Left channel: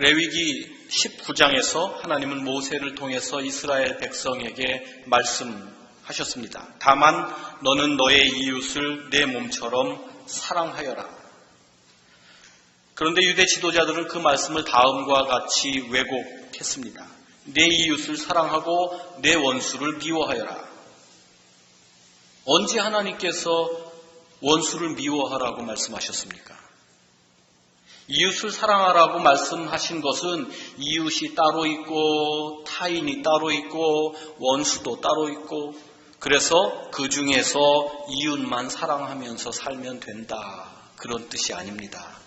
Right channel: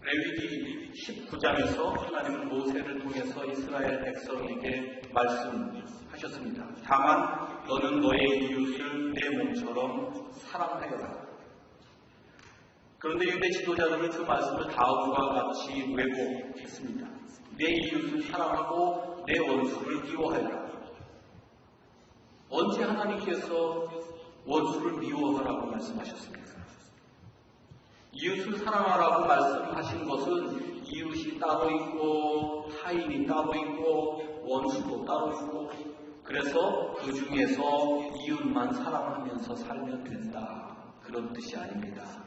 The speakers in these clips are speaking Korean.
레위기 19장에서 하나님은 모세를 통해서 이스라엘 백성에게 말씀하셨습니다. 다만 너는 너의 이웃을 내 몸처럼 사랑하여라. 그런데 유대 지도자들은 그 말씀을 다음과 같이 왜곡했습니다. 내 이웃을 사랑하고 내 원수를 미워하여라. 언제 하나님께서 원수를 미워하라고 말씀하셨습니까? 이웃을 사랑하라고 말씀하신 것은 이웃이 따로 있고 타인이 따로 있고 원수도 따로 있고 그래서 그 중에서 이웃만 사랑하면서 살면 된다. 그런 뜻이 아닙니다.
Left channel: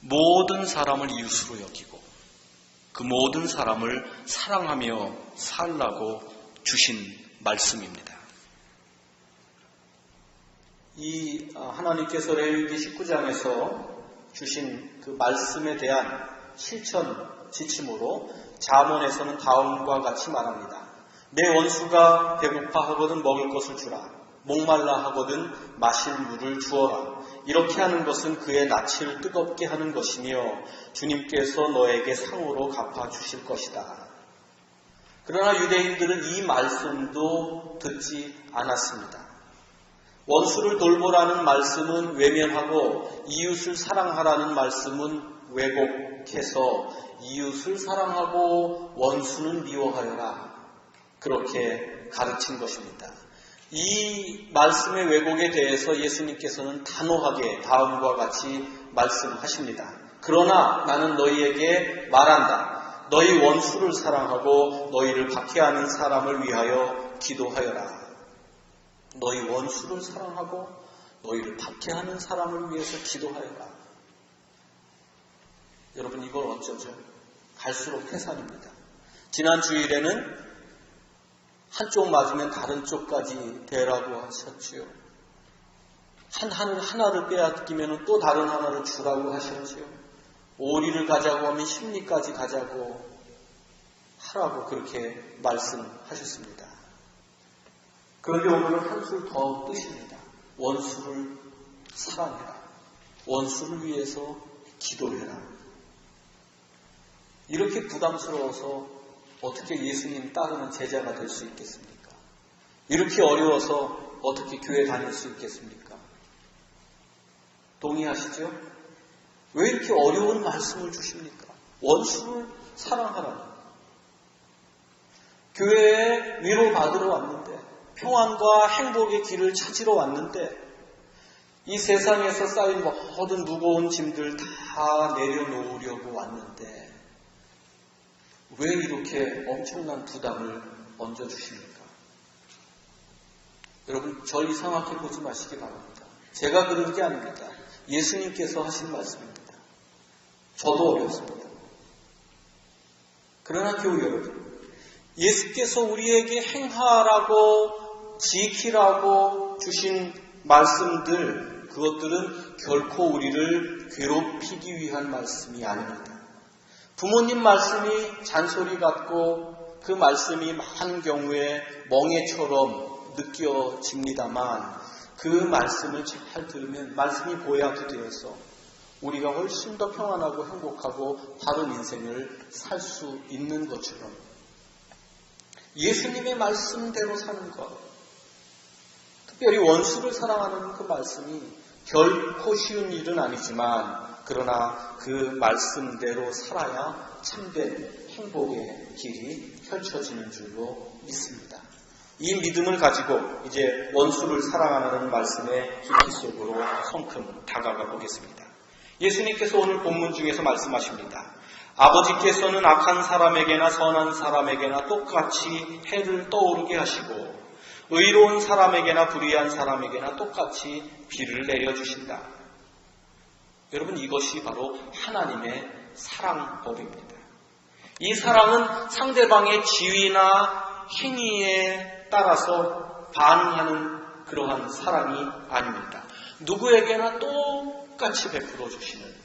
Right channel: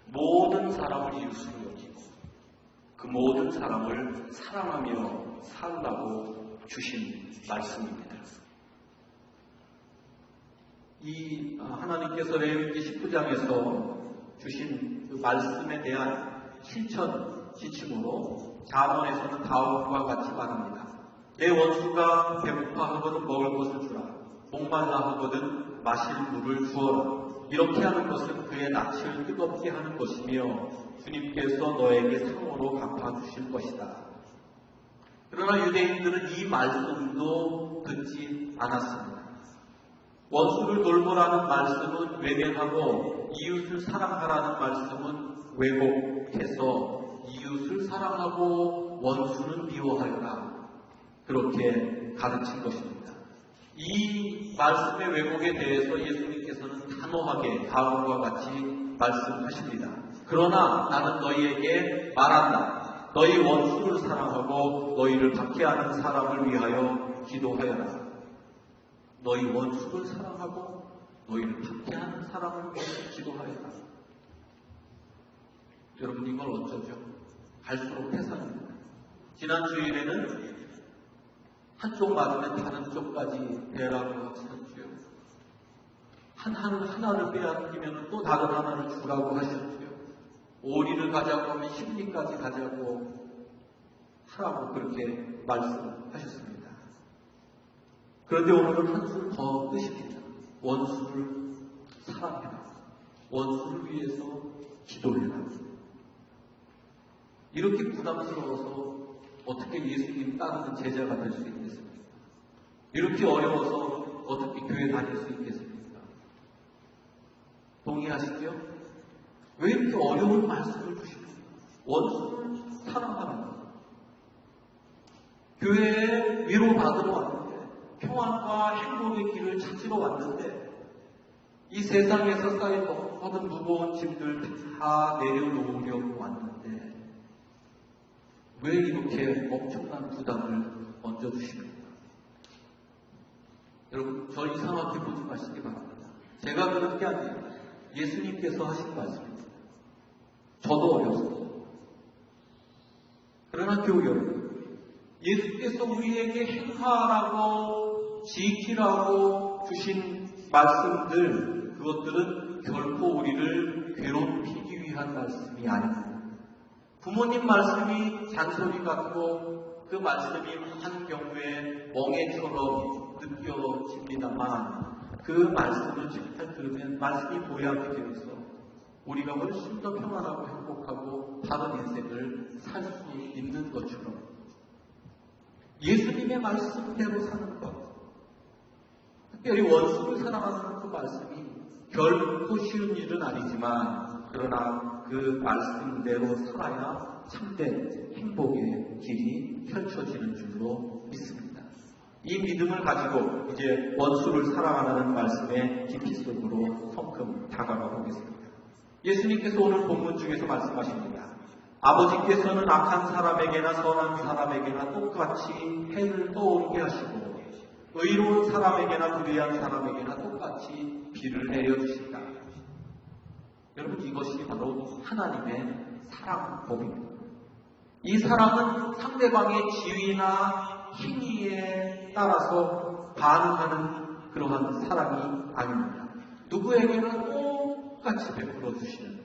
모든 사람을 이웃으로 여기고 그 모든 사람을 사랑하며 살라고 주신 말씀입니다. 이 하나님께서 레위기 19장에서 주신 그 말씀에 대한 실천 지침으로 잠언에서는 다음과 같이 말합니다. 내 원수가 배고파하거든 먹을 것을 주라. 목말라 하거든 마실 물을 주어라. 이렇게 하는 것은 그의 낯을 뜨겁게 하는 것이며 주님께서 너에게 상으로 갚아주실 것이다. 그러나 유대인들은 이 말씀도 듣지 않았습니다. 원수를 돌보라는 말씀은 외면하고 이웃을 사랑하라는 말씀은 왜곡해서 이웃을 사랑하고 원수는 미워하여라. 그렇게 가르친 것입니다. 이 말씀의 왜곡에 대해서 예수님께서는 단호하게 다음과 같이 말씀하십니다. 그러나 나는 너희에게 말한다. 너희 원수를 사랑하고 너희를 박해하는 사람을 위하여 기도하여라. 너희 원수를 사랑하고 너희를 박해하는 사람을 위해서 기도하여라. 여러분 이걸 어쩌죠? 갈수록 해산입니다. 지난 주일에는 한쪽 맞으면 다른 쪽까지 대라고 하셨지요. 하나를 빼앗기면 또 다른 하나를 주라고 하셨지요. 오리를 가자고 하면 십리까지 가자고 하라고 그렇게 말씀하셨습니다. 그런데 오늘은 한술 더 뜨십니다. 원수를 사랑해라. 원수를 위해서 기도해라. 이렇게 부담스러워서 어떻게 예수님 따르는 제자가 될 수 있겠습니까? 이렇게 어려워서 어떻게 교회 다닐 수 있겠습니까? 동의하시죠? 왜 이렇게 어려운 말씀을 주십니까? 원수를 사랑하라. 교회에 위로받으러 왔는데 평안과 행복의 길을 찾으러 왔는데 이 세상에서 쌓인 모든 무거운 짐들 다 내려놓으려고 왔는데 왜 이렇게 엄청난 부담을 얹어주십니까? 여러분 절 이상하게 보지 마시기 바랍니다. 제가 그런 게 아닙니다. 예수님께서 하신 말씀입니다. 저도 어렵습니다. 그러나 교회 여러분, 예수께서 우리에게 행하라고 지키라고 주신 말씀들, 그것들은 결코 우리를 괴롭히기 위한 말씀이 아닙니다. 부모님 말씀이 잔소리 같고 그 말씀이 많은 경우에 멍해처럼 느껴집니다만 그 말씀을 잘 들으면 말씀이 보약이 되어서 우리가 훨씬 더 평안하고 행복하고 바른 인생을 살 수 있는 것처럼 예수님의 말씀대로 사는 것, 특별히 원수를 사랑하는 그 말씀이 결코 쉬운 일은 아니지만 그러나 그 말씀대로 살아야 참된 행복의 길이 펼쳐지는 줄로 믿습니다. 이 믿음을 가지고 이제 원수를 사랑하는 말씀의 깊이 속으로 성큼 다가가 보겠습니다. 예수님께서 오늘 본문 중에서 말씀하십니다. 아버지께서는 악한 사람에게나 선한 사람에게나 똑같이 해를 떠오르게 하시고 의로운 사람에게나 불의한 사람에게나 똑같이 비를 내려주신다. 여러분 이것이 바로 하나님의 사랑법입니다. 이 사랑은 상대방의 지위나 행위에 따라서 반응하는 그러한 사랑이 아닙니다. 누구에게나 똑같이 베풀어 주시는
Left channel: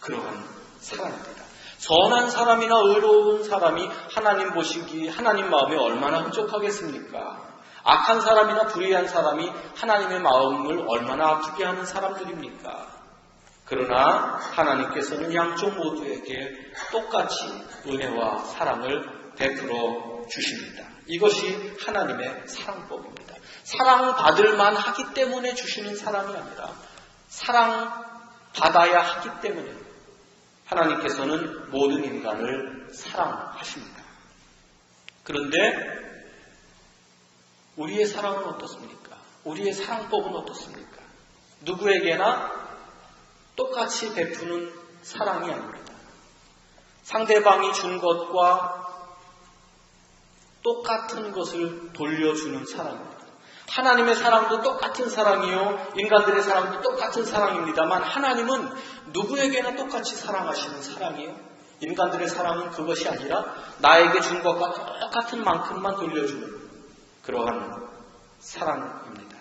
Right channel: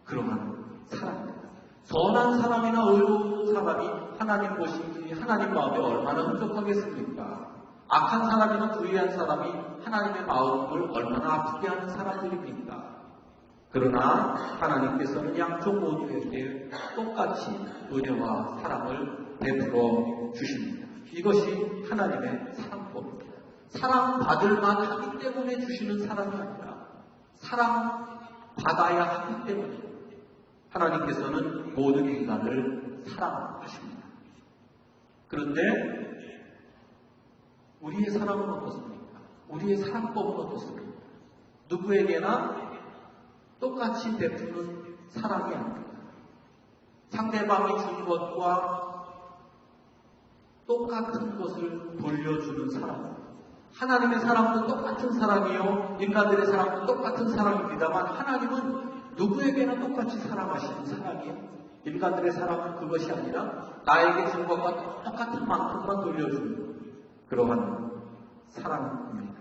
그러한 사랑입니다. 선한 사람이나 의로운 사람이 하나님 보시기에 하나님 마음에 얼마나 흡족하겠습니까? 악한 사람이나 불의한 사람이 하나님의 마음을 얼마나 아프게 하는 사람들입니까? 그러나 하나님께서는 양쪽 모두에게 똑같이 은혜와 사랑을 베풀어 주십니다. 이것이 하나님의 사랑법입니다. 사랑받을 만하기 때문에 주시는 사랑이 아니라 사랑받아야 하기 때문에 하나님께서는 모든 인간을 사랑하십니다. 그런데 우리의 사랑은 어떻습니까? 우리의 사랑법은 어떻습니까? 누구에게나 똑같이 베푸는 사랑이 아닙니다. 상대방이 준 것과 똑같은 것을 돌려주는 사랑입니다. 하나님의 사랑도 똑같은 사랑이요, 인간들의 사랑도 똑같은 사랑입니다만 하나님은 누구에게나 똑같이 사랑하시는 사랑이에요. 인간들의 사랑은 그것이 아니라 나에게 준 것과 똑같은 만큼만 돌려주는 그러한 사랑입니다.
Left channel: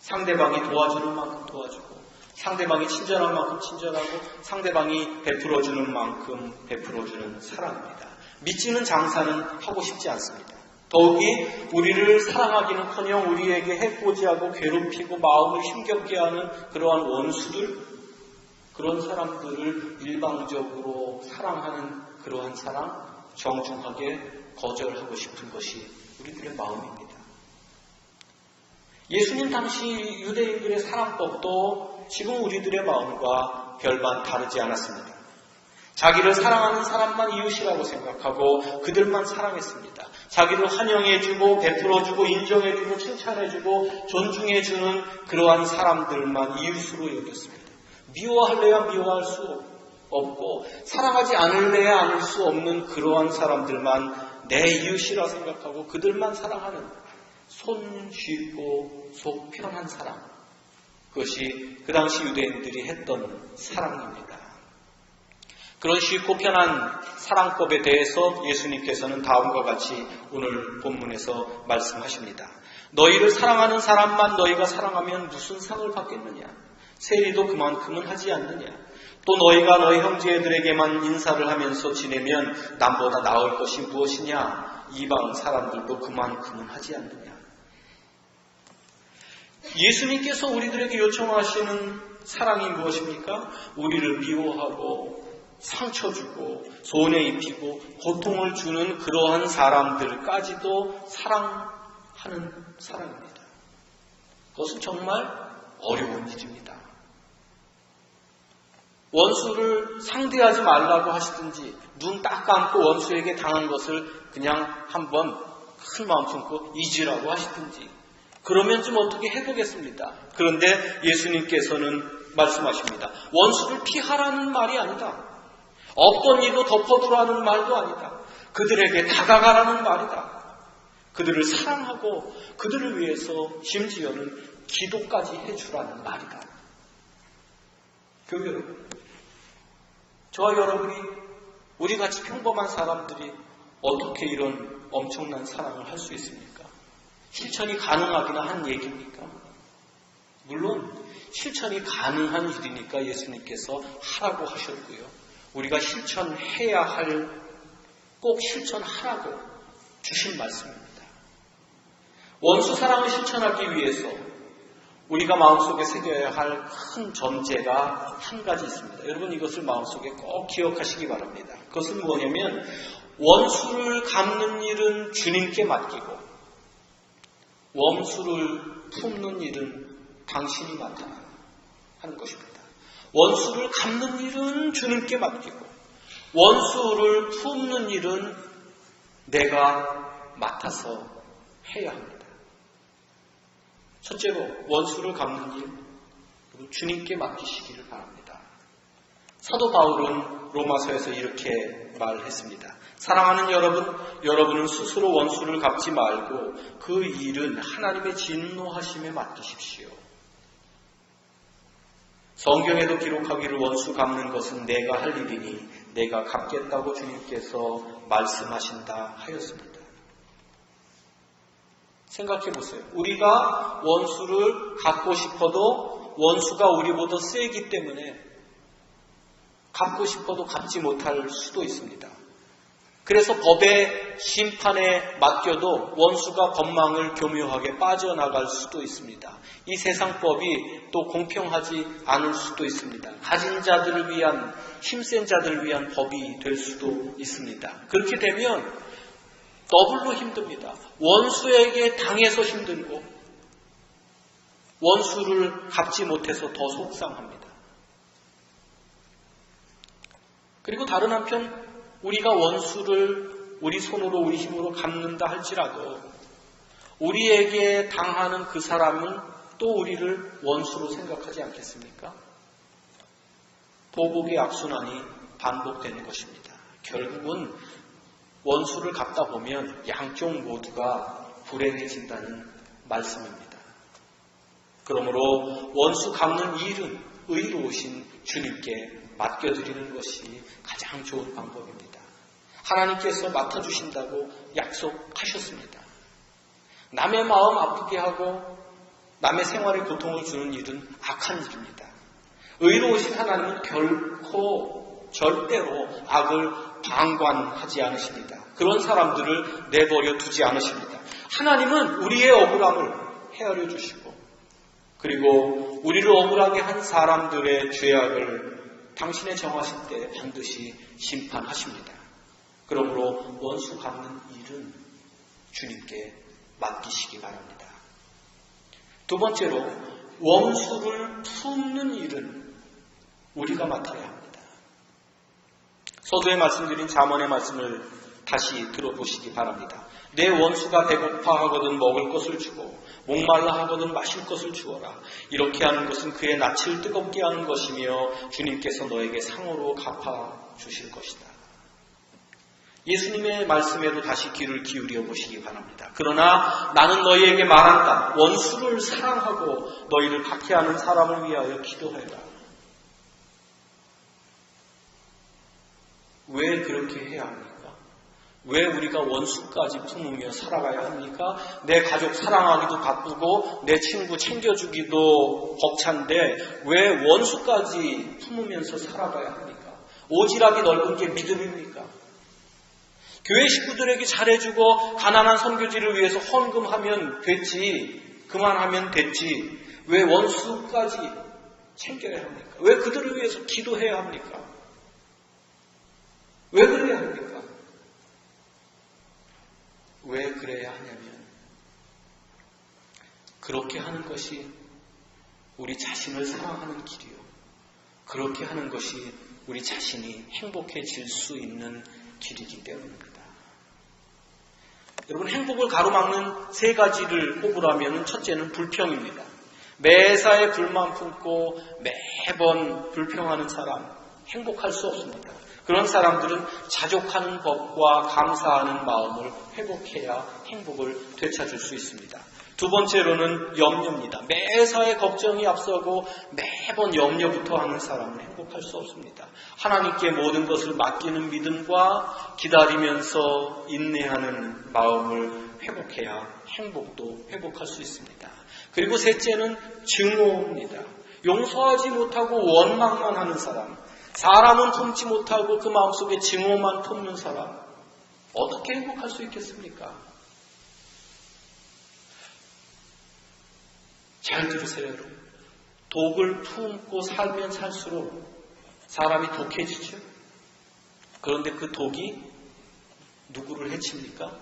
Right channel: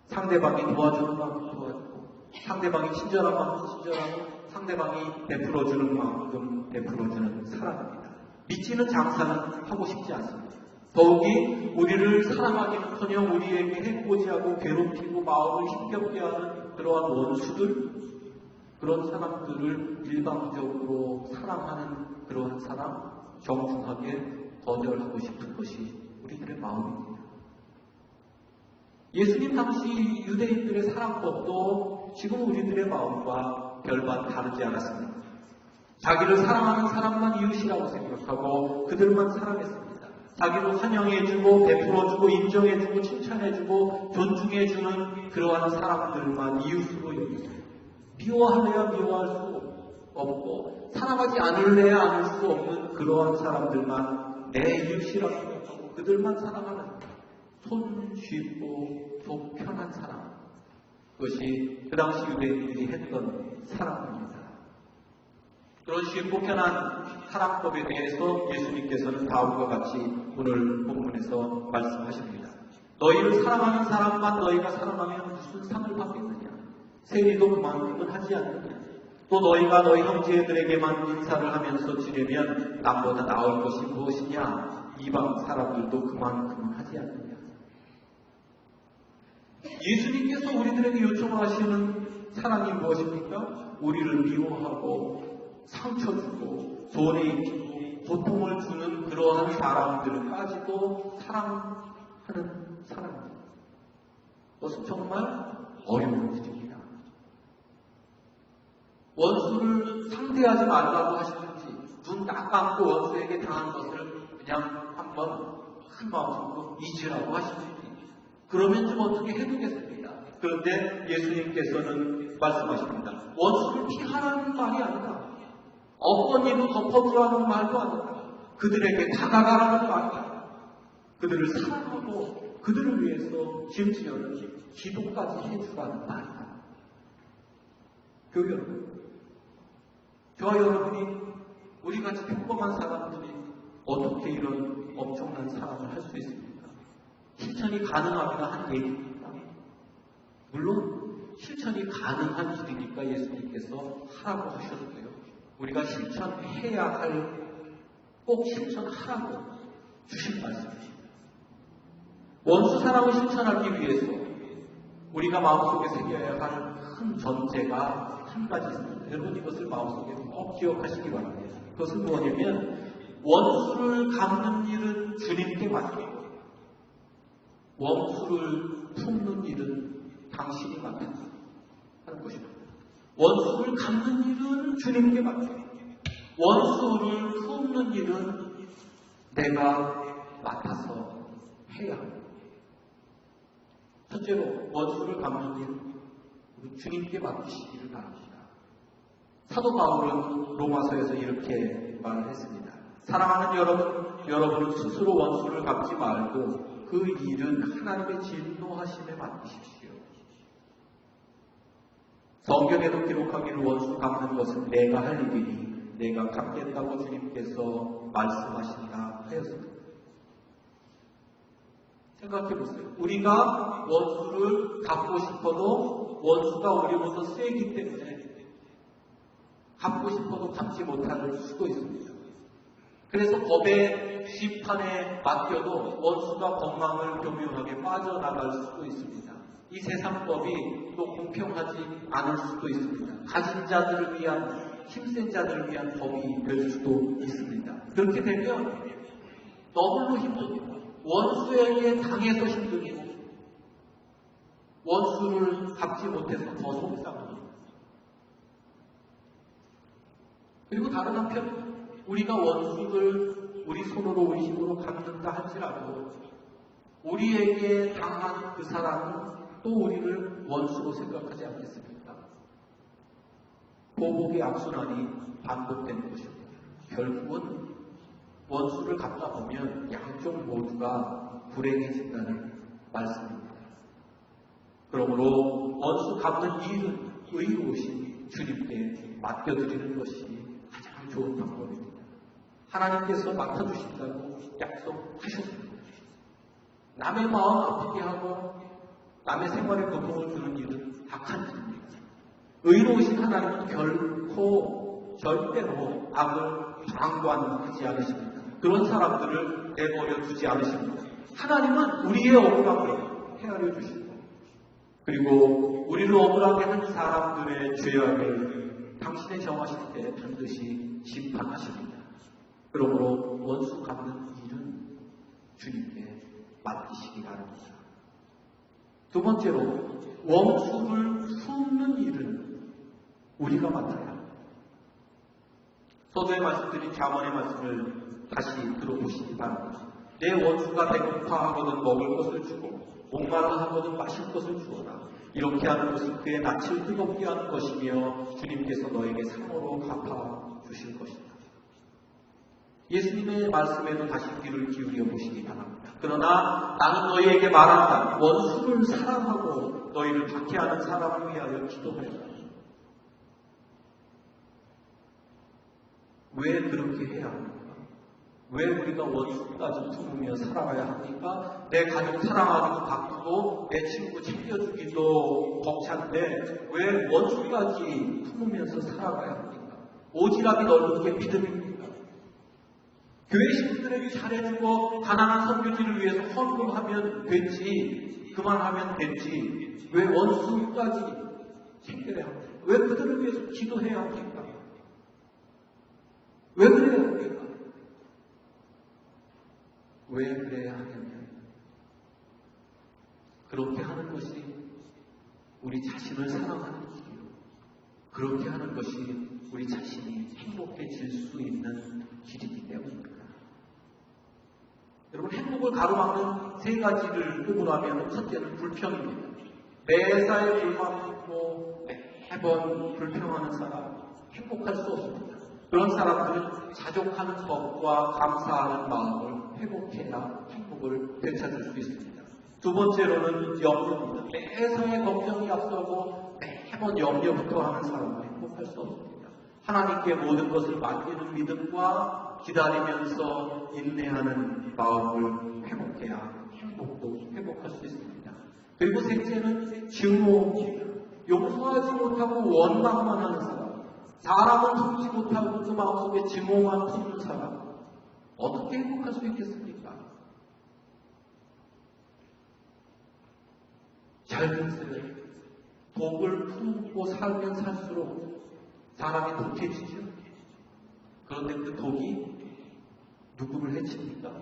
상대방이 도와주는 만큼 도와주고, 상대방이 친절한 만큼 친절하고, 상대방이 베풀어주는 만큼 베풀어주는 사랑입니다. 믿지는 장사는 하고 싶지 않습니다. 더욱이 우리를 사랑하기는커녕 우리에게 해코지하고 괴롭히고 마음을 힘겹게 하는 그러한 원수들, 그런 사람들을 일방적으로 사랑하는 그러한 사랑, 정중하게 거절하고 싶은 것이 우리들의 마음입니다. 예수님 당시 유대인들의 사랑법도 지금 우리들의 마음과 별반 다르지 않았습니다. 자기를 사랑하는 사람만 이웃이라고 생각하고 그들만 사랑했습니다. 자기를 환영해주고 베풀어주고 인정해주고 칭찬해주고 존중해주는 그러한 사람들만 이웃으로 여겼습니다. 미워할래야 미워할 수 없고 사랑하지 않을래야 않을 수 없는 그러한 사람들만 내 이웃이라 생각하고 그들만 사랑하는 손 쉽고 속 편한 사랑, 그것이 그 당시 유대인들이 했던 사랑입니다. 그런 쉽고 편한 사랑법에 대해서 예수님께서는 다음과 같이 오늘 본문에서 말씀하십니다. 너희를 사랑하는 사람만 너희가 사랑하면 무슨 상을 받겠느냐? 세리도 그만큼은 하지 않느냐? 또 너희가 너희 형제들에게만 인사를 하면서 지내면 남보다 나을 것이 무엇이냐? 이방 사람들도 그만큼은 하지 않느냐? 예수님께서 우리들에게 요청하시는 사랑이 무엇입니까? 우리를 미워하고 상처 주고 손해 입히고 고통을 주는 그러한 사람들까지도 사랑하는 사랑입니다. 그것은 정말 어려운 일입니다. 원수를 상대하지 말라고 하시든지 눈 딱 감고 원수에게 당한 것을 그냥 한번 큰 마음 품고 잊으라고 하시든지 그러면 좀 어떻게 해보겠습니다. 그런데 예수님께서는 말씀하십니다. 원수를 피하라는 말이 아니다. 없던 일도 덮어두라는 말도 아니다. 그들에게 다가가라는 말이다. 그들을 사랑하고 그들을 위해서 심지어는 기도까지 해주라는 말이다. 교회 여러분, 저와 여러분이 우리같이 평범한 사람들이 어떻게 이런 엄청난 사랑을 할 수 있습니까? 실천이 가능하기나 한 얘기입니까? 물론 실천이 가능한 일이니까 예수님께서 하라고 하셨고요. 우리가 실천해야 할, 꼭 실천하라고 주신 말씀입니다. 원수 사랑을 실천하기 위해서 우리가 마음속에 새겨야 할 큰 전제가 한 가지 있습니다. 여러분 이것을 마음속에 꼭 기억하시기 바랍니다. 그것은 뭐냐면 원수를 갚는 일은 주님께 맡기고 원수를 품는 일은 당신이 맡아야 하는 것입니다. 원수를 갚는 일은 주님께 맡기고 원수를 품는 일은 내가 맡아서 해야 합니다. 첫째로 원수를 갚는 일 주님께 맡기시기를 바랍니다. 사도 바울은 로마서에서 이렇게 말을 했습니다. 사랑하는 여러분은 스스로 원수를 갚지 말고 그 일은 하나님의 진노하심에 맡기십시오. 성경에도 기록하기를 원수 갚는 것은 내가 할 일이니 내가 갚겠다고 주님께서 말씀하신다 하였습니다. 생각해보세요. 우리가 원수를 갚고 싶어도 원수가 우리보다 세기 때문에 갚고 싶어도 갚지 못할 수도 있습니다. 그래서 법의 심판에 맡겨도 원수가 법망을 교묘하게 빠져나갈 수도 있습니다. 이 세상 법이 또 공평하지 않을 수도 있습니다. 가진 자들을 위한, 힘센 자들을 위한 법이 될 수도 있습니다. 그렇게 되면 더블로 힘듭니다. 원수에게 당해서 힘들고 원수를 갚지 못해서 더 속상합니다. 그리고 다른 한편 우리가 원수를 우리 손으로 우리 힘으로 갚는다 할지라도 우리에게 당하는 그 사람은 또 우리를 원수로 생각하지 않겠습니까? 보복의 악순환이 반복되는 것입니다. 결국은 원수를 갚다 보면 양쪽 모두가 불행해진다는 말씀입니다. 그러므로 원수 갚는 일은 의로우신 주님께 맡겨드리는 것이 가장 좋은 방법입니다. 하나님께서 맡아주신다고 약속하셨습니다. 남의 마음 아프게 하고 남의 생활에 고통을 주는 일은 악한 일입니다. 의로우신 하나님은 결코 절대로 악을 방관하지 않으십니다. 그런 사람들을 내버려 두지 않으십니다. 하나님은 우리의 억울함을 헤아려 주시고 그리고 우리를 억울하게 한 사람들의 죄악을 당신의 정하실 때 반드시 심판하십니다. 그러므로 원수 갚는 일은 주님께 맡기시기 바랍니다. 두 번째로 원수를 품는 일은 우리가 맡아야 합니다. 서두에 말씀드린 잠언의 말씀을 다시 들어보시기 바랍니다. 내 원수가 배고파하거든 먹을 것을 주고 목말라 하거든 마실 것을 주어라. 이렇게 하는 것은 그의 낯을 뜨겁게 하는 것이며 주님께서 너에게 상으로 갚아 주실 것이다. 예수님의 말씀에도 다시 귀를 기울여 보시기 바랍니다. 그러나 나는 너희에게 말한다. 원수를 사랑하고 너희를 박해하는 사람을 위하여 기도해라. 왜 그렇게 해야 합니까? 왜 우리가 원수까지 품으며 살아가야 합니까? 내 가족 사랑하기도 바쁘고 내 친구 챙겨주기도 벅찬데 왜 원수까지 품으면서 살아가야 합니까? 오지랖이 넓은 게 믿음입니까? 교회 식구들에게 잘해주고 가난한 선교지를 위해서 헌금하면 됐지, 그만하면 됐지, 왜 원수까지 챙겨야 합니까? 왜 그들을 위해서 기도해야 합니까? 왜 그래야 합니까? 왜 그래야 하냐면 그렇게 하는 것이 우리 자신을 사랑하는 길이요. 그렇게 하는 것이 우리 자신이 행복해질 수 있는 길이기 때문입니다. 여러분, 행복을 가로막는 세 가지를 꼽으라면 첫째는 불평입니다. 매사에 불만 품고 매번 불평하는 사람, 행복할 수 없습니다. 그런 사람들은 자족하는 법과 감사하는 마음을 회복해야 행복을 되찾을 수 있습니다. 두 번째로는 염려입니다. 매사에 걱정이 앞서고 매번 염려부터 하는 사람은 행복할 수 없습니다. 하나님께 모든 것을 맡기는 믿음과 기다리면서 인내하는 마음을 회복해야 행복도 회복할 수 있습니다. 그리고 셋째는 증오입니다. 용서하지 못하고 원망만 하는 사람, 사람은 품지 못하고 그 마음속에 증오만 품는 사람, 어떻게 행복할 수 있겠습니까? 잘 들으세요. 독을 품고 살면 살수록 사람이 독해지죠. 그런데 그 독이 누구를 해칩니까?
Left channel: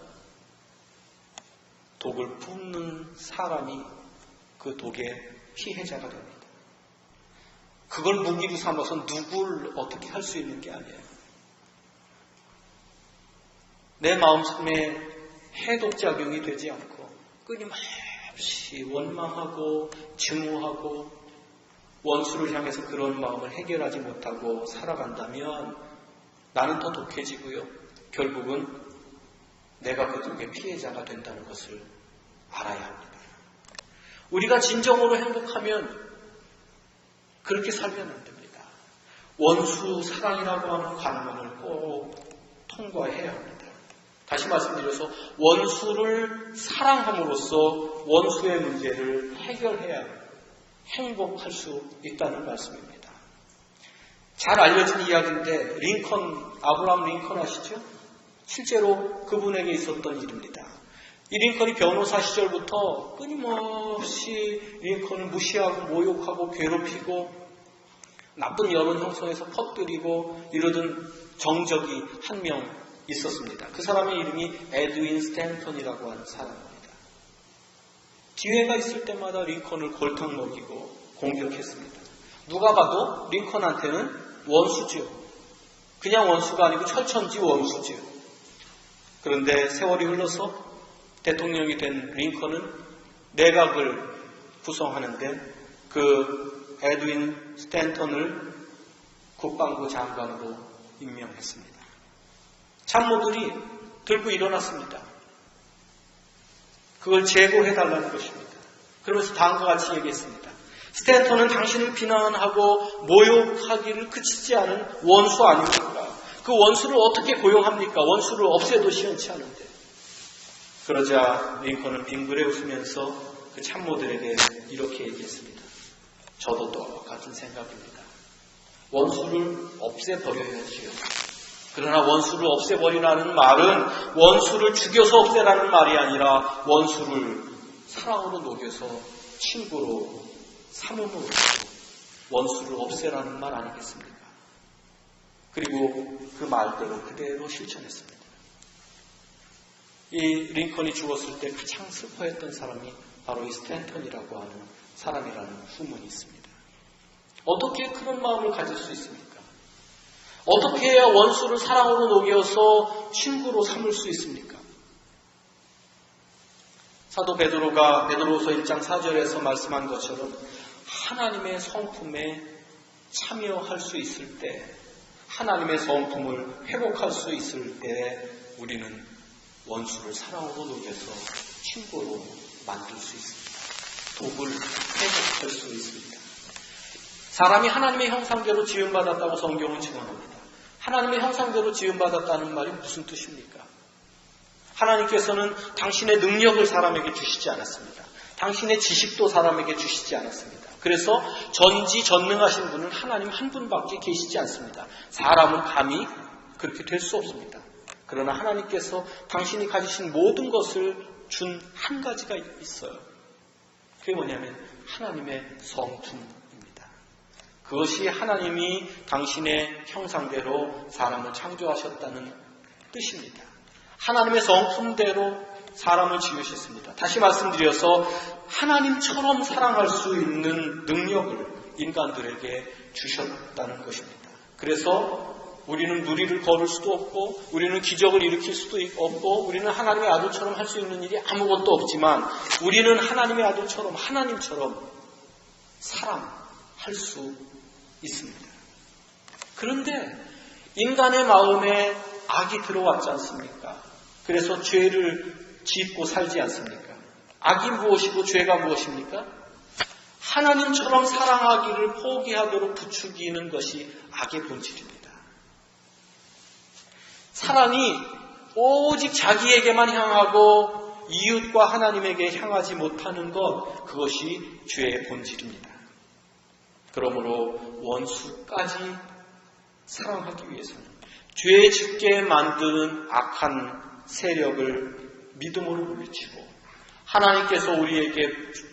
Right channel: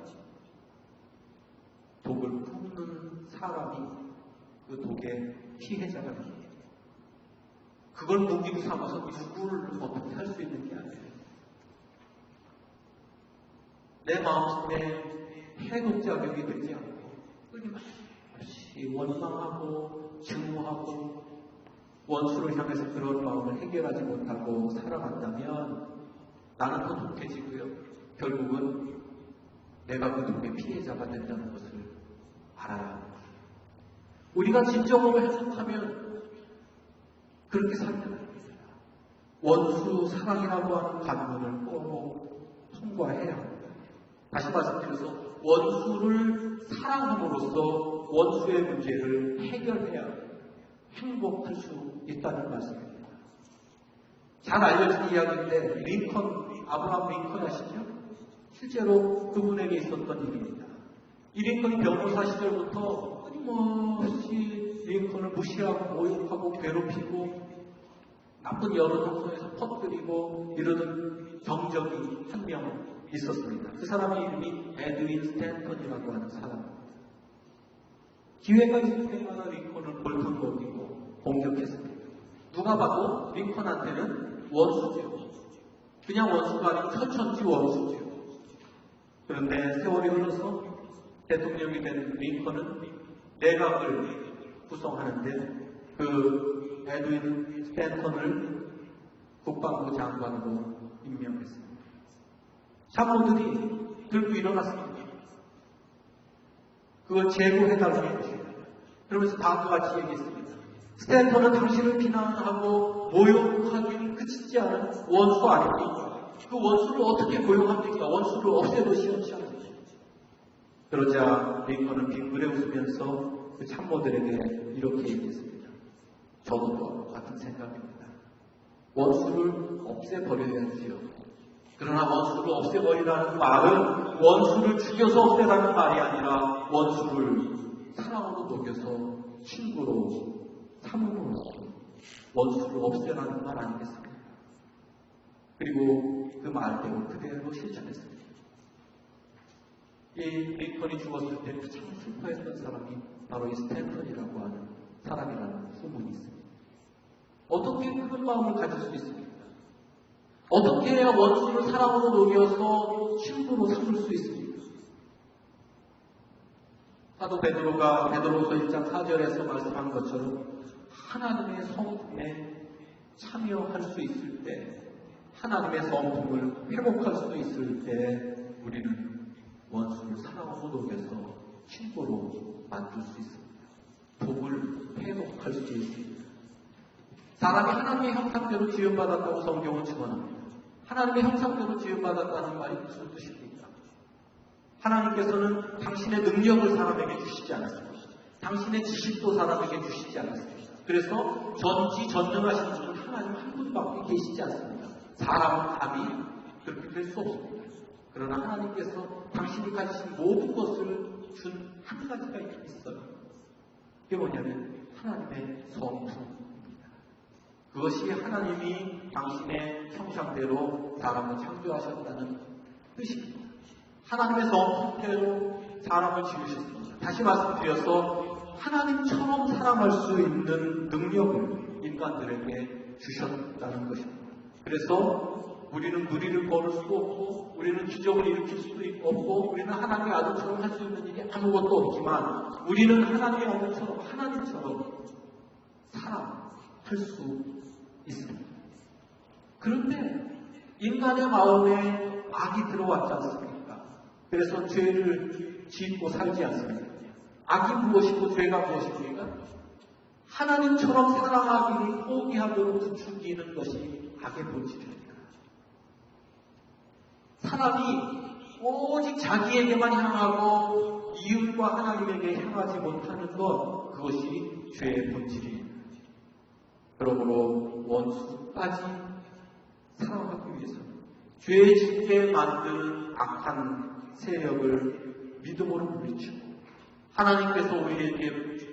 독을 품는 사람이 그 독의 피해자가 됩니다. 그걸 무기로 삼아서 누구를 어떻게 할 수 있는 게 아니에요. 내 마음속에 해독작용이 되지 않고 끊임없이 원망하고 증오하고 원수를 향해서 그런 마음을 해결하지 못하고 살아간다면 나는 더 독해지고요. 결국은 내가 그 독의 피해자가 된다는 것을 알아야 합니다. 우리가 진정으로 행복하면 그렇게 살면 안 됩니다. 원수 사랑이라고 하는 관문을 꼭 통과해야 합니다. 다시 말씀드려서 원수를 사랑함으로써 원수의 문제를 해결해야 행복할 수 있다는 말씀입니다. 잘 알려진 이야기인데 아브라함 링컨 아시죠? 실제로 그분에게 있었던 일입니다. 이 링컨이 변호사 시절부터 끊임없이 링컨을 무시하고 모욕하고 괴롭히고 나쁜 여론 형성에서 퍼뜨리고 이러던 정적이 한 명 있었습니다. 그 사람의 이름이 에드윈 스탠턴이라고 하는 사람입니다. 기회가 있을 때마다 링컨을 골탕 먹이고 공격했습니다. 누가 봐도 링컨한테는 원수죄고, 그냥 원수가 아니고 철천지 원수죄고. 그런데 세월이 흘러서 대통령이 된 링컨은 내각을 구성하는데 그 에드윈 스탠턴을 국방부 장관으로 임명했습니다. 참모들이 들고 일어났습니다. 그걸 제고해달라는 것입니다. 그러면서 다음과 같이 얘기했습니다. 스탠턴은 당신을 비난하고 모욕하기를 그치지 않은 원수 아닙니까? 그 원수를 어떻게 고용합니까? 원수를 없애도 시원치 않은데. 그러자 링컨은 빙그레 웃으면서 그 참모들에게 이렇게 얘기했습니다. 저도 또 같은 생각입니다. 원수를 없애버려야지요. 그러나 원수를 없애버리라는 말은 원수를 죽여서 없애라는 말이 아니라 원수를 사랑으로 녹여서 친구로 삼음으로 원수를 없애라는 말 아니겠습니까? 그리고 그 말대로 그대로 실천했습니다. 이 링컨이 죽었을 때 가장 슬퍼했던 사람이 바로 이 스탠턴이라고 하는 사람이라는 후문이 있습니다. 어떻게 그런 마음을 가질 수 있습니까? 어떻게 해야 원수를 사랑으로 녹여서 친구로 삼을 수 있습니까? 사도 베드로가 베드로후서 1장 4절에서 말씀한 것처럼 하나님의 성품에 참여할 수 있을 때, 하나님의 성품을 회복할 수 있을 때 우리는 원수를 사랑으로 녹여서 친구로 만들 수 있습니다. 독을 회복할 수 있습니다. 사람이 하나님의 형상대로 지음받았다고 성경은 증언합니다. 하나님의 형상대로 지음받았다는 말이 무슨 뜻입니까? 하나님께서는 당신의 능력을 사람에게 주시지 않았습니다. 당신의 지식도 사람에게 주시지 않았습니다. 그래서 전지전능하신 분은 하나님 한 분밖에 계시지 않습니다. 사람은 감히 그렇게 될 수 없습니다. 그러나 하나님께서 당신이 가지신 모든 것을 준 한 가지가 있어요. 그게 뭐냐면 하나님의 성품입니다. 그것이 하나님이 당신의 형상대로 사람을 창조하셨다는 뜻입니다. 하나님의 성품대로 사람을 지으셨습니다. 다시 말씀드려서 하나님처럼 사랑할 수 있는 능력을 인간들에게 주셨다는 것입니다. 그래서 우리는 누리를 거둘 수도 없고 우리는 기적을 일으킬 수도 없고 우리는 하나님의 아들처럼 할 수 있는 일이 아무것도 없지만 우리는 하나님의 아들처럼 하나님처럼 사랑할 수 있습니다. 그런데 인간의 마음에 악이 들어왔지 않습니까? 그래서 죄를 짓고 살지 않습니까? 악이 무엇이고 죄가 무엇입니까? 하나님처럼 사랑하기를 포기하도록 부추기는 것이 악의 본질입니다. 사람이 오직 자기에게만 향하고 이웃과 하나님에게 향하지 못하는 것, 그것이 죄의 본질입니다. 그러므로 원수까지 사랑하기 위해서는 죄 짓게 만드는 악한 세력을 믿음으로 물리치고 하나님께서 우리에게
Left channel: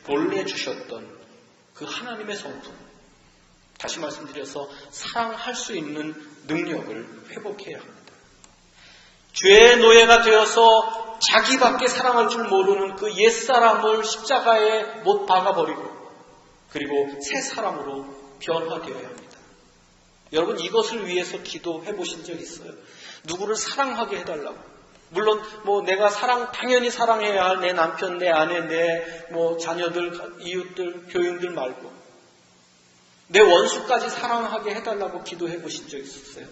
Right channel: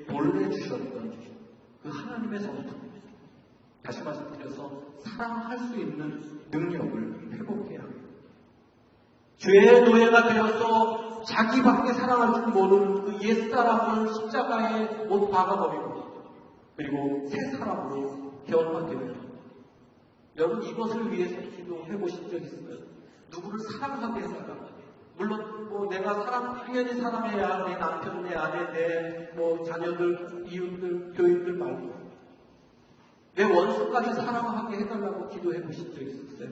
보내주셨던 그 하나님의 성품, 다시 말씀드려서 사랑할 수 있는 능력을 회복해야 합니다. 죄의 노예가 되어서 자기밖에 사랑할 줄 모르는 그 옛사람을 십자가에 못 박아버리고 그리고 새 사람으로 변화되어야 합니다. 여러분 이것을 위해서 기도해 보신 적 있어요? 누구를 사랑하게 해달라고. 물론 내가 당연히 사랑해야 할 내 남편, 내 아내, 내 자녀들, 이웃들, 교인들 말고 내 원수까지 사랑하게 해달라고 기도해 보신 적 있었어요?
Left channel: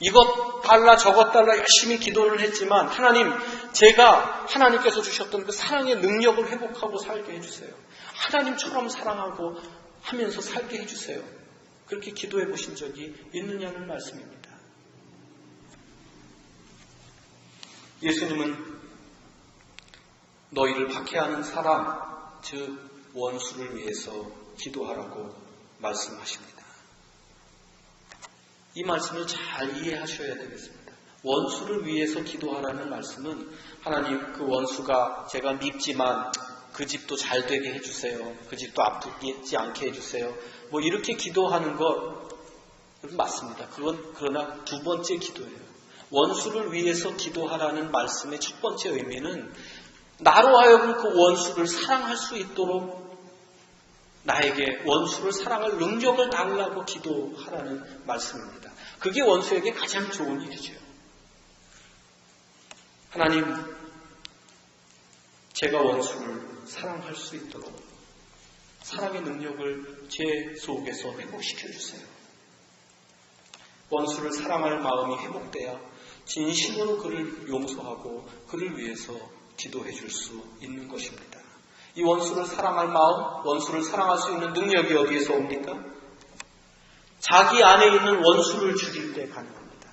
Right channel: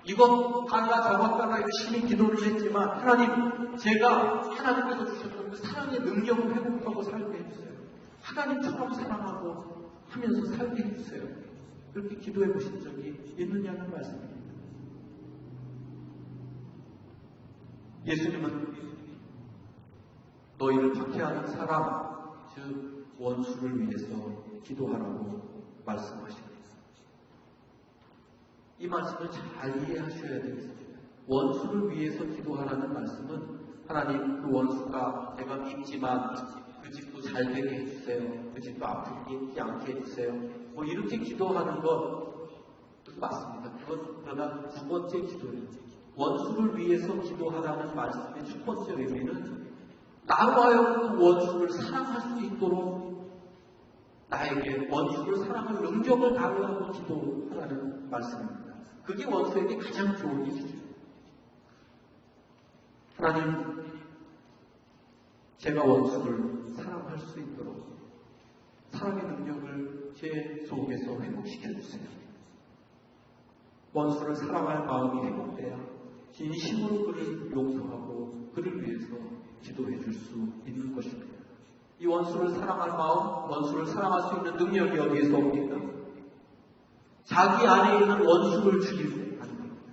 이것 달라 저것 달라 열심히 기도를 했지만 하나님, 제가 하나님께서 주셨던 그 사랑의 능력을 회복하고 살게 해주세요. 하나님처럼 사랑하고 하면서 살게 해주세요. 그렇게 기도해 보신 적이 있느냐는 말씀입니다. 예수님은 너희를 박해하는 사람, 즉 원수를 위해서 기도하라고 말씀하십니다. 이 말씀을 잘 이해하셔야 되겠습니다. 원수를 위해서 기도하라는 말씀은 하나님 그 원수가 제가 믿지만 그 집도 잘 되게 해주세요. 그 집도 아프지 않게 해주세요. 뭐 이렇게 기도하는 것 맞습니다. 그러나 두 번째 기도예요. 원수를 위해서 기도하라는 말씀의 첫 번째 의미는 나로 하여금 그 원수를 사랑할 수 있도록 나에게 원수를 사랑할 능력을 달라고 기도하라는 말씀입니다. 그게 원수에게 가장 좋은 일이죠. 하나님, 제가 원수를 사랑할 수 있도록 사랑의 능력을 제 속에서 회복시켜 주세요. 원수를 사랑할 마음이 회복돼야 진심으로 그를 용서하고 그를 위해서 기도해 줄 수 있는 것입니다. 이 원수를 사랑할 마음, 원수를 사랑할 수 있는 능력이 어디에서 옵니까? 자기 안에 있는 원수를 죽일 때 가능합니다.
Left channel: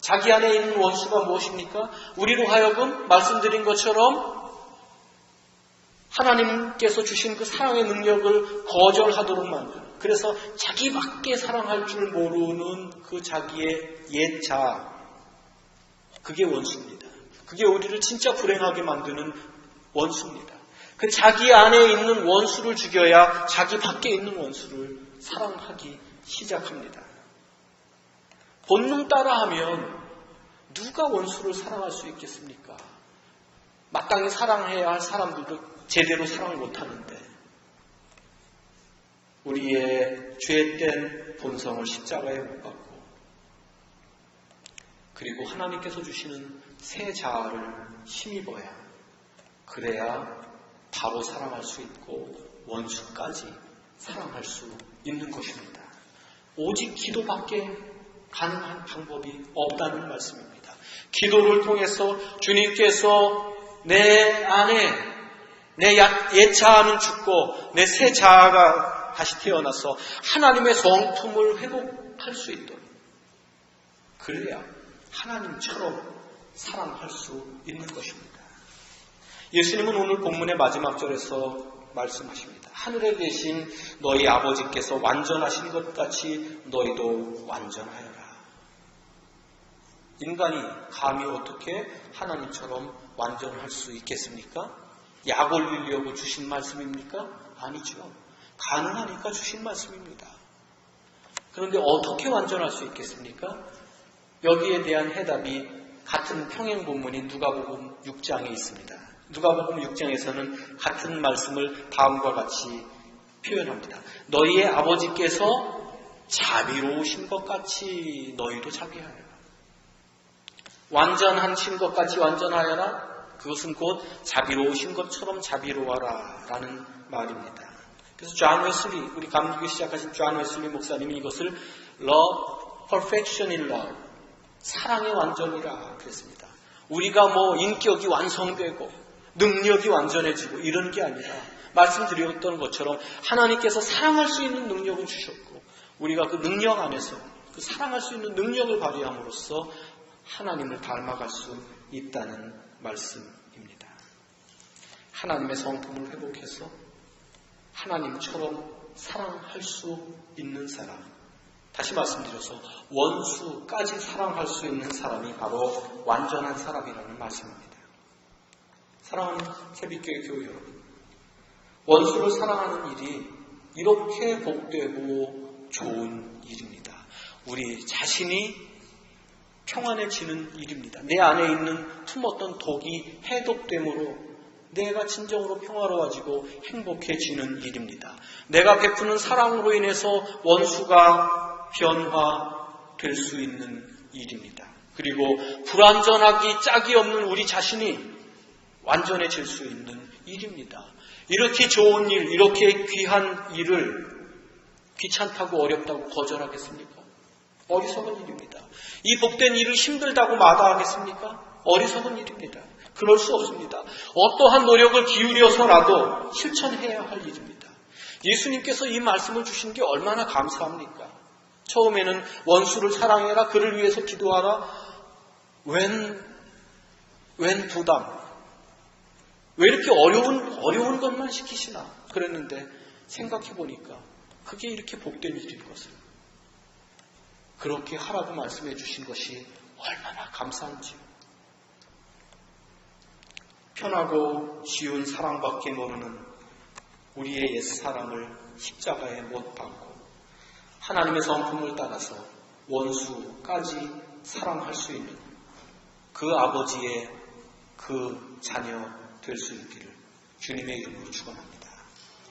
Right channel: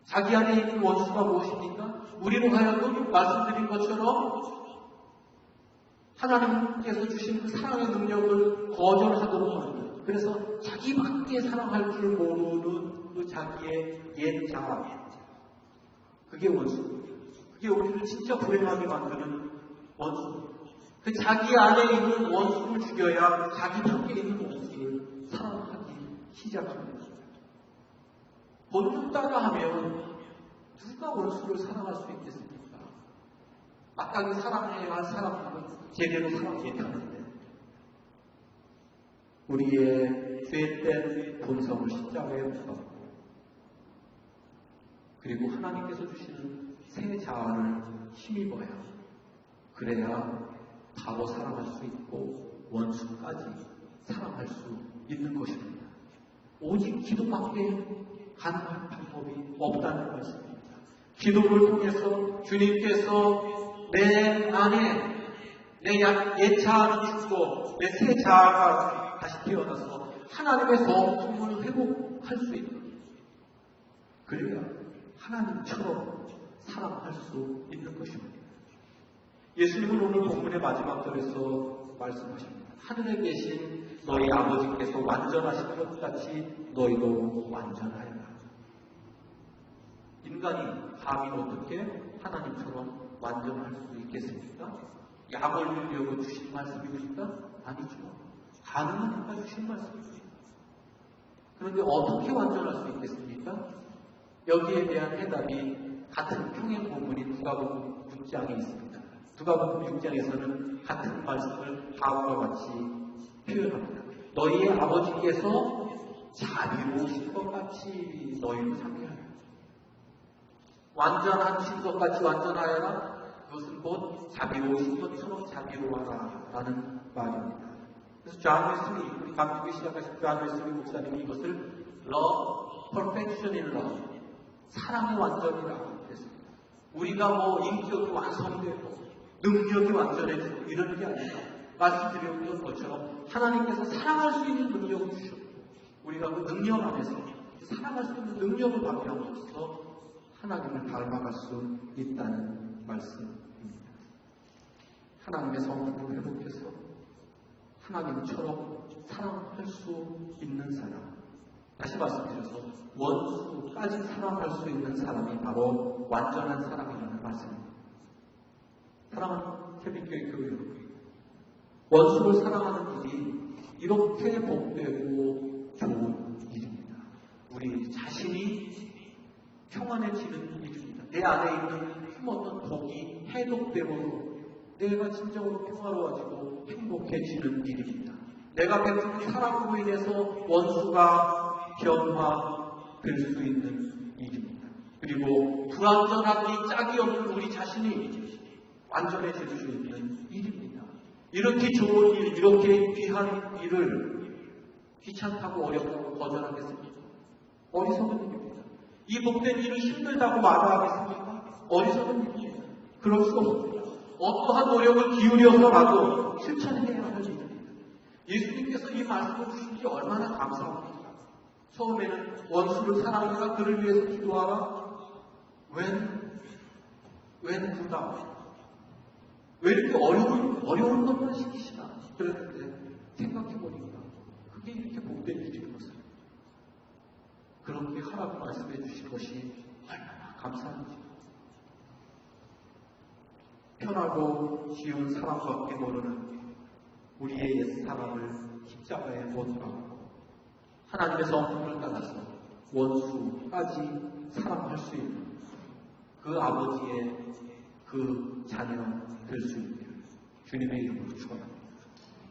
자기 안에 있는 원수가 무엇입니까? 우리로 하여금 말씀드린 것처럼 하나님께서 주신 그 사랑의 능력을 거절하도록 만드는, 그래서 자기밖에 사랑할 줄 모르는 그 자기의 옛 자아, 그게 원수입니다. 그게 우리를 진짜 불행하게 만드는 원수입니다. 그 자기 안에 있는 원수를 죽여야 자기 밖에 있는 원수를 사랑하기 시작합니다. 본능 따라하면 누가 원수를 사랑할 수 있겠습니까? 마땅히 사랑해야 할 사람들도 제대로 사랑을 못하는데 우리의 죄된 본성을 십자가에 못 박고 그리고 하나님께서 주시는 새 자아를 힘입어야 그래야 바로 사랑할 수 있고 원수까지 사랑할 수 있는 것입니다. 오직 기도밖에 가능한 방법이 없다는 말씀입니다. 기도를 통해서 주님께서 내 안에 내 옛 자아는 죽고 내 새 자아가 다시 태어나서 하나님의 성품을 회복할 수 있도록 그래야 하나님처럼 사랑할 수 있는 것입니다. 예수님은 오늘 본문의 마지막 절에서 말씀하십니다. 하늘에 계신 너희 아버지께서 완전하신 것 같이 너희도 완전하여라. 인간이 감히 어떻게 하나님처럼 완전할 수 있겠습니까? 약 올리려고 주신 말씀입니까? 아니죠. 가능하니까 주신 말씀입니다. 그런데 어떻게 완전할 수 있겠습니까? 여기에 대한 해답이 같은 평행 본문인 누가복음 6장에 있습니다. 누가복음 6장에서는 같은 말씀을 다음과 같이 표현합니다. 너희의 아버지께서 자비로우신 것 같이 너희도 자비하여라. 완전하신 것 같이 완전하여라. 그것은 곧 자비로우신 것처럼 자비로워라 라는 말입니다. 그래서 존 웨슬리, 우리 감리교 시작하신 존 웨슬리 목사님이 이것을 love, perfection in love, 사랑의 완전이라 그랬습니다. 우리가 뭐 인격이 완성되고 능력이 완전해지고 이런 게 아니라 말씀드렸던 것처럼 하나님께서 사랑할 수 있는 능력을 주셨고 우리가 그 능력 안에서 그 사랑할 수 있는 능력을 발휘함으로써 하나님을 닮아갈 수 있다는 말씀입니다. 하나님의 성품을 회복해서 하나님처럼 사랑할 수 있는 사람, 다시 말씀드려서 원수까지 사랑할 수 있는 사람이 바로 완전한 사람이라는 말씀입니다. 사랑하는 새벽교회 교회 여러분, 원수를 사랑하는 일이 이렇게 복되고 좋은 일입니다. 우리 자신이 평안해지는 일입니다. 내 안에 있는 품었던 독이 해독됨으로 내가 진정으로 평화로워지고 행복해지는 일입니다. 내가 베푸는 사랑으로 인해서 원수가 변화될 수 있는 일입니다. 그리고 불완전하기 짝이 없는 우리 자신이 완전해질 수 있는 일입니다. 이렇게 좋은 일, 이렇게 귀한 일을 귀찮다고 어렵다고 거절하겠습니까? 어리석은 일입니다. 이 복된 일을 힘들다고 마다하겠습니까? 어리석은 일입니다. 그럴 수 없습니다. 어떠한 노력을 기울여서라도 실천해야 할 일입니다. 예수님께서 이 말씀을 주신 게 얼마나 감사합니까? 처음에는 원수를 사랑해라, 그를 위해서 기도하라. 웬 부담? 왜 이렇게 어려운 것만 시키시나? 그랬는데 생각해보니까 그게 이렇게 복된 일인 것을 그렇게 하라고 말씀해 주신 것이 얼마나 감사한지요. 편하고 쉬운 사랑밖에 모르는 우리의 옛사랑을 십자가에 못 박고 하나님의 성품을 따라서 원수까지 사랑할 수 있는 그 아버지의 그 자녀 될 수 있기를 주님의 이름으로 축원합니다.